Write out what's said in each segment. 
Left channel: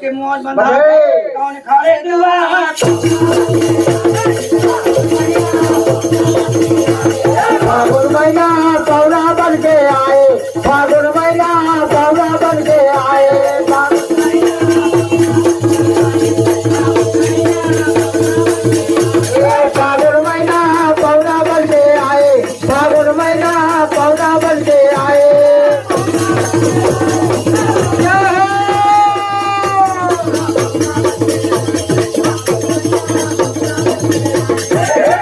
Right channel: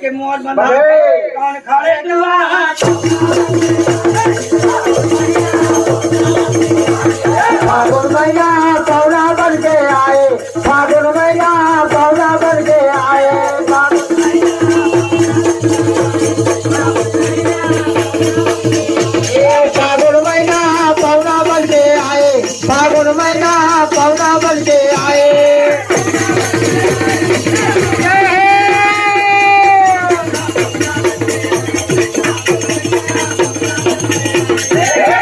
के मोर बंधा कौन खड़े दुआ फागुन महीना पौना बन के आए, फागुन महीना पौना बन के आए, फागुन महीना पौना बन के आए, फागुन महीना पौना बन के आए।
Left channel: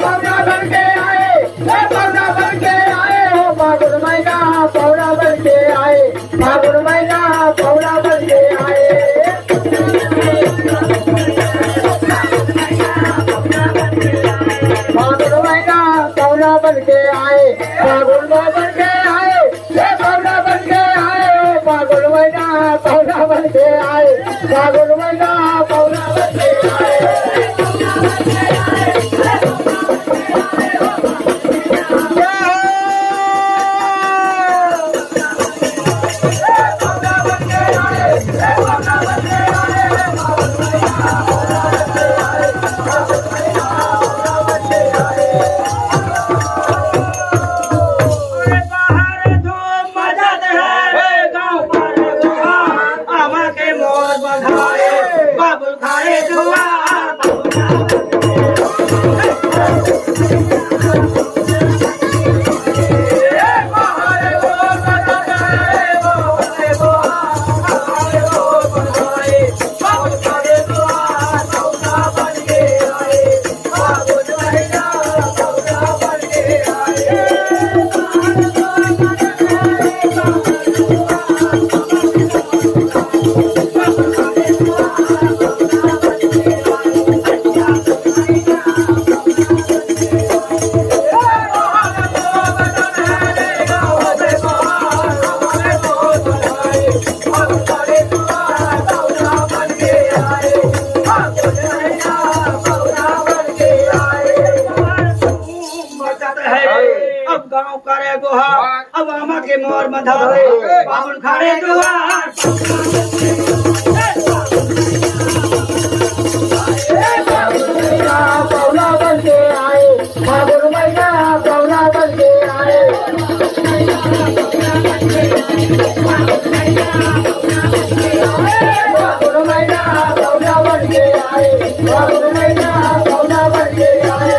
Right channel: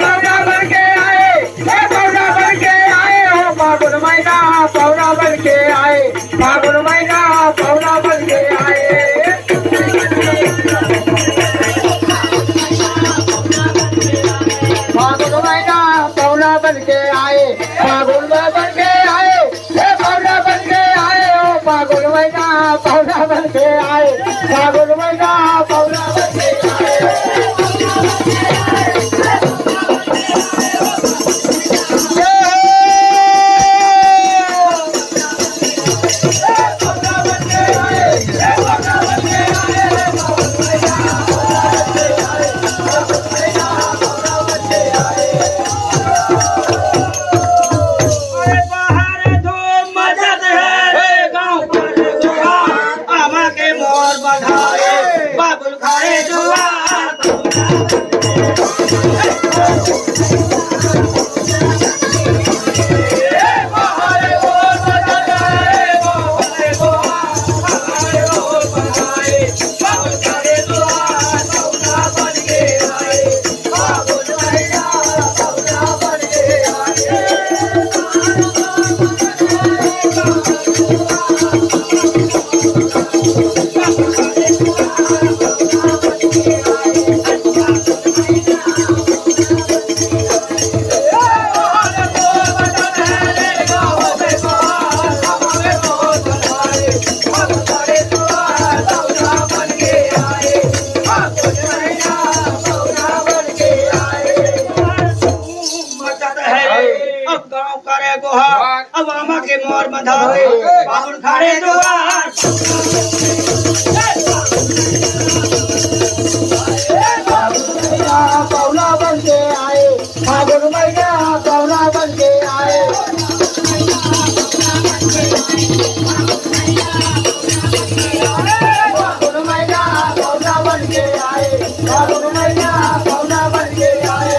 पौना बन के आए, फागुन महीना पौना बन के आए, फागुन महीना पौना बन के आए, फागुन बन के आए, पौना बन के आए, फागुन महीना पौना बन के आए, फागुन महीना पौना बन के आए। अब आमा के मोर बंधावे फागुन खड़े दुआर पौना बन के आए, फागुन महीना पौना बन के आए, फागुन महीना पौना बन के आए, फागुन महीना पौना बन के आए।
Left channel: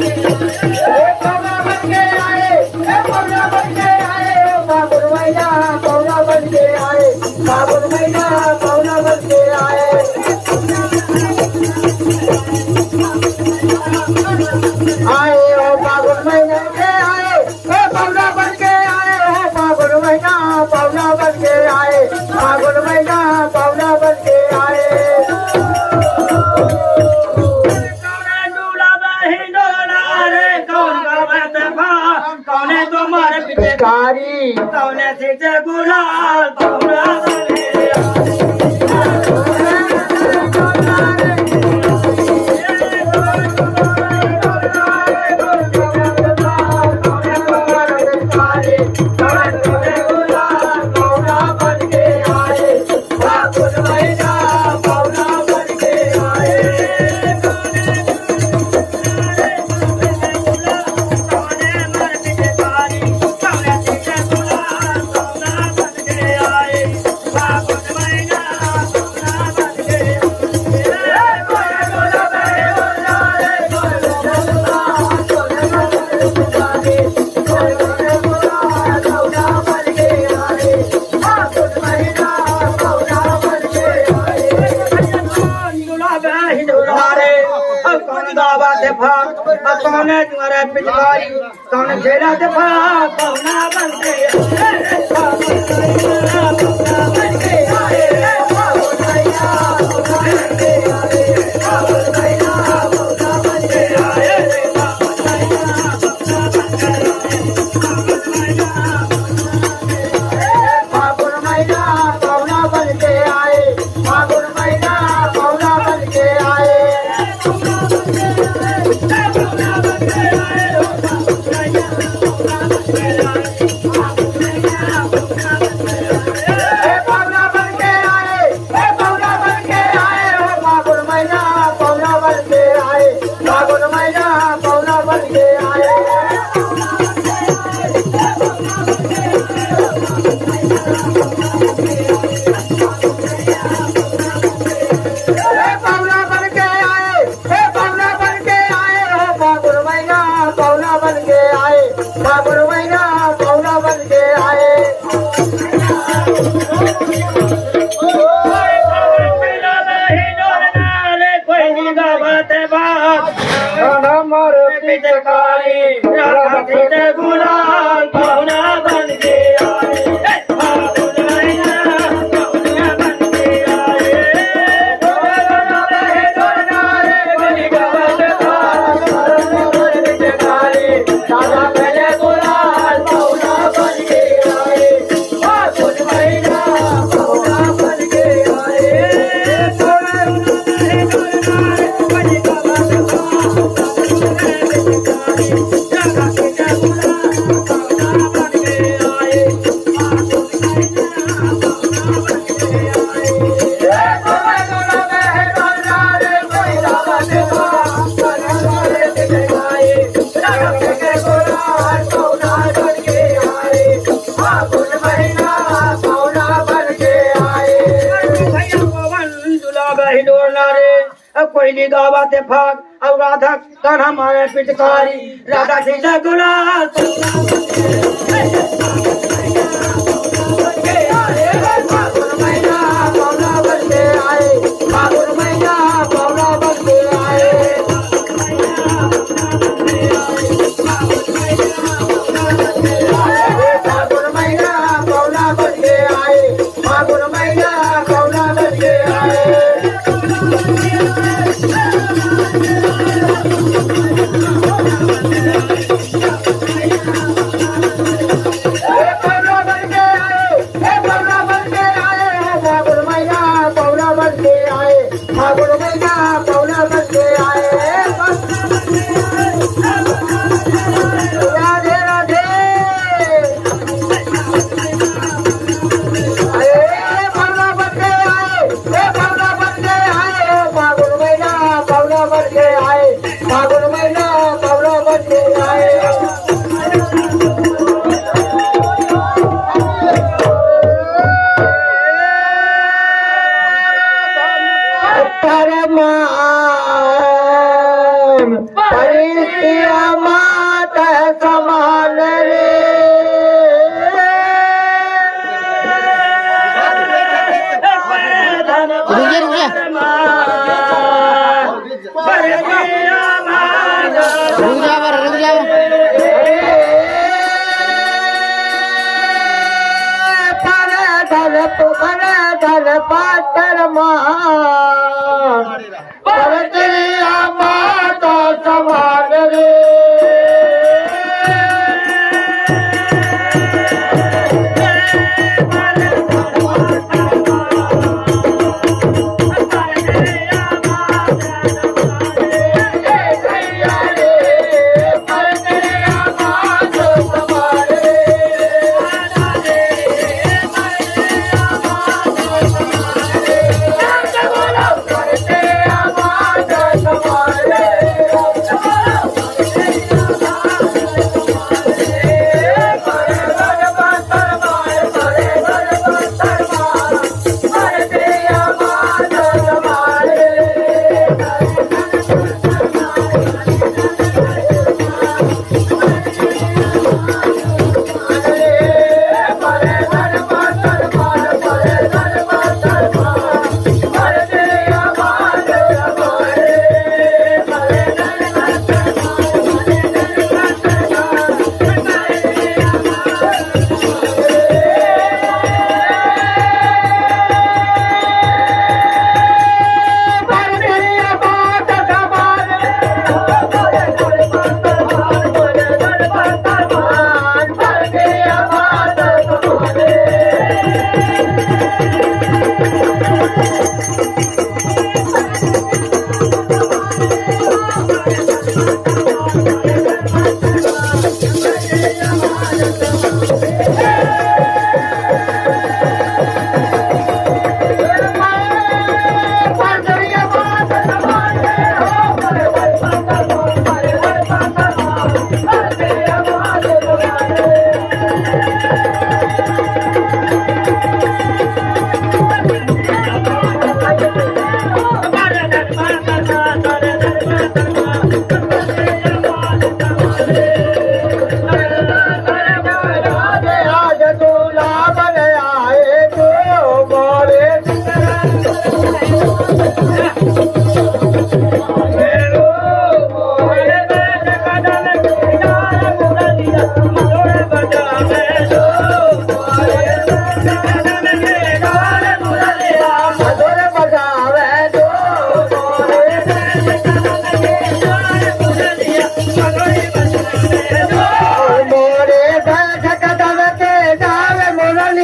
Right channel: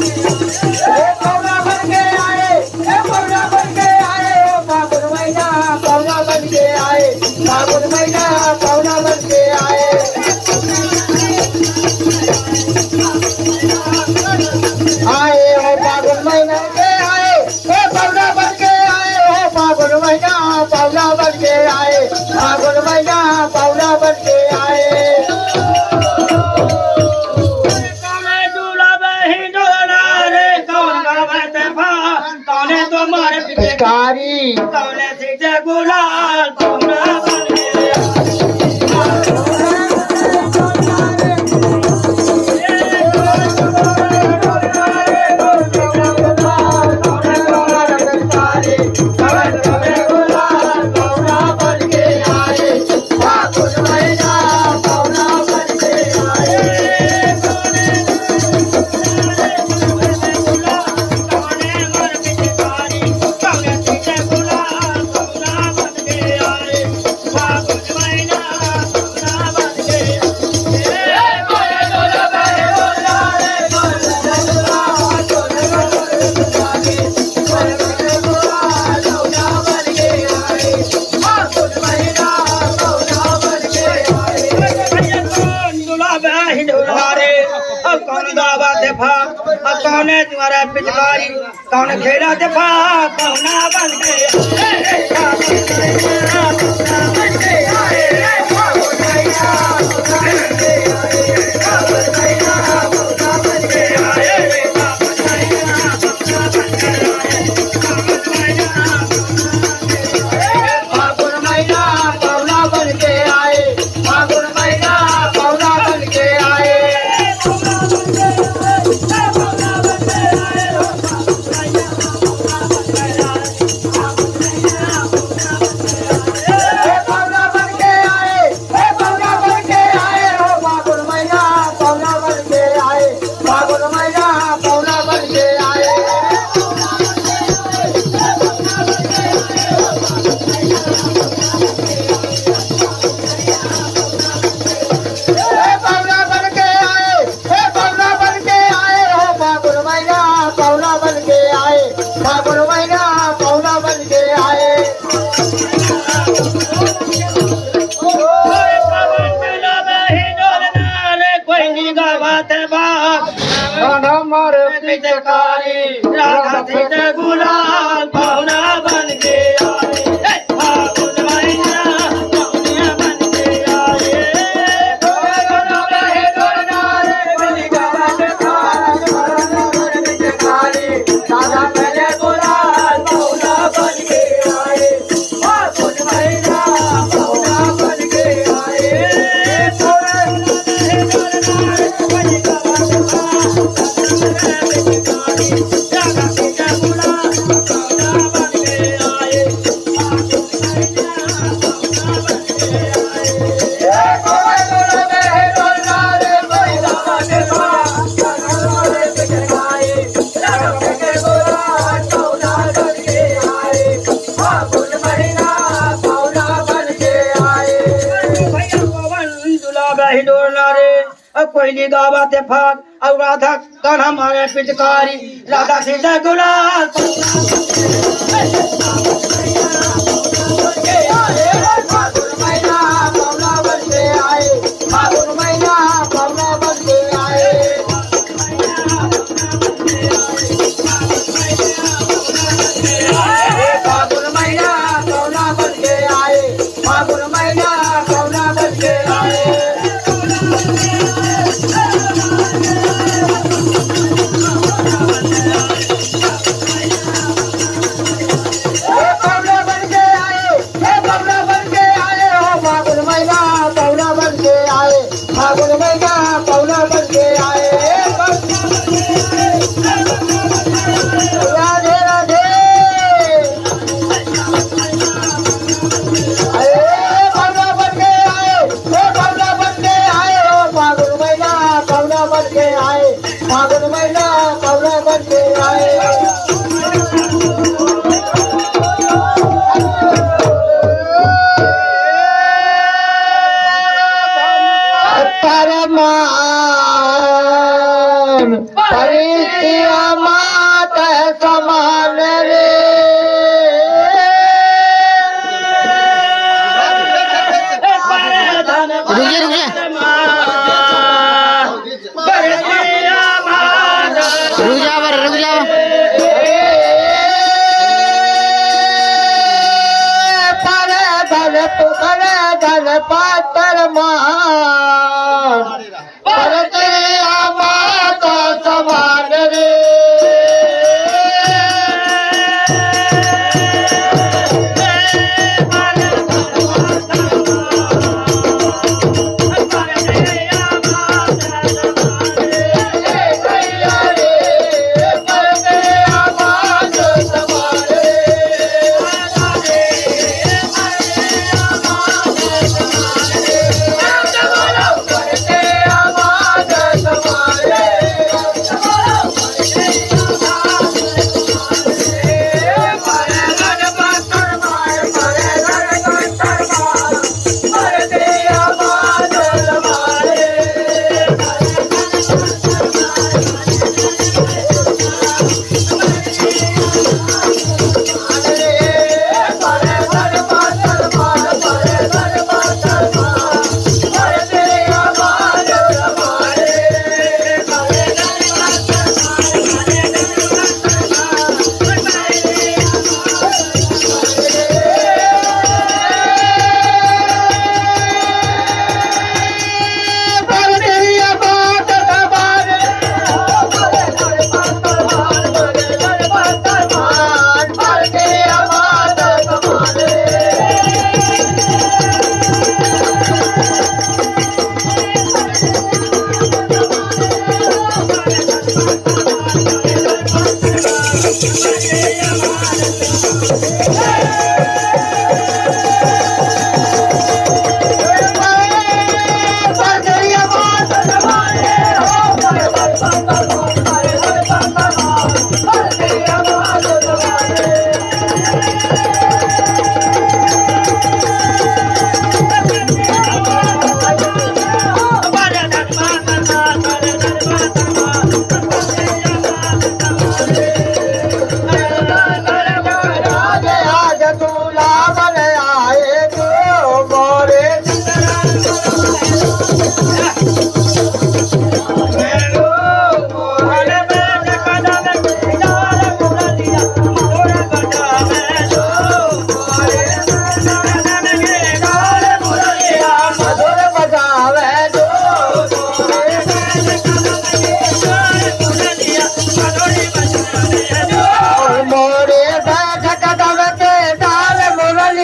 Thank you. पाहुण्याचे गुलाल पाहुणा बनके कौन तुम्हारा पिचकारी कौन खेला दफा पौना बनके पिचकारी राधा सीता गुलाल पौना बनके आए फागुन महीना पौना बनके आए डोला बहे डोला रे बलि गावत फागुन पिचकारी राधा पहले गुलाल पौना बनके आए फागुन महीना पौना बनके आए डोला बहे डोला रे बलि गावत कोयली गावाते फाग और राधा कर हमारे पिचकारी राधा सीता गुलाल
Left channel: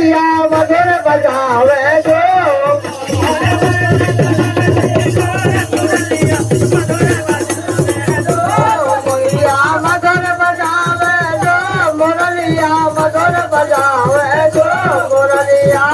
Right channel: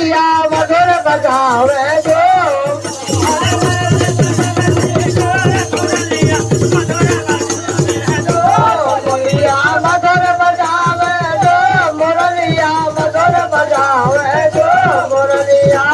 मुरलिया मधुर बजावे जो मुरलिया मधुर बजावे जो मुरलिया मधुर बजावे जो मुरलिया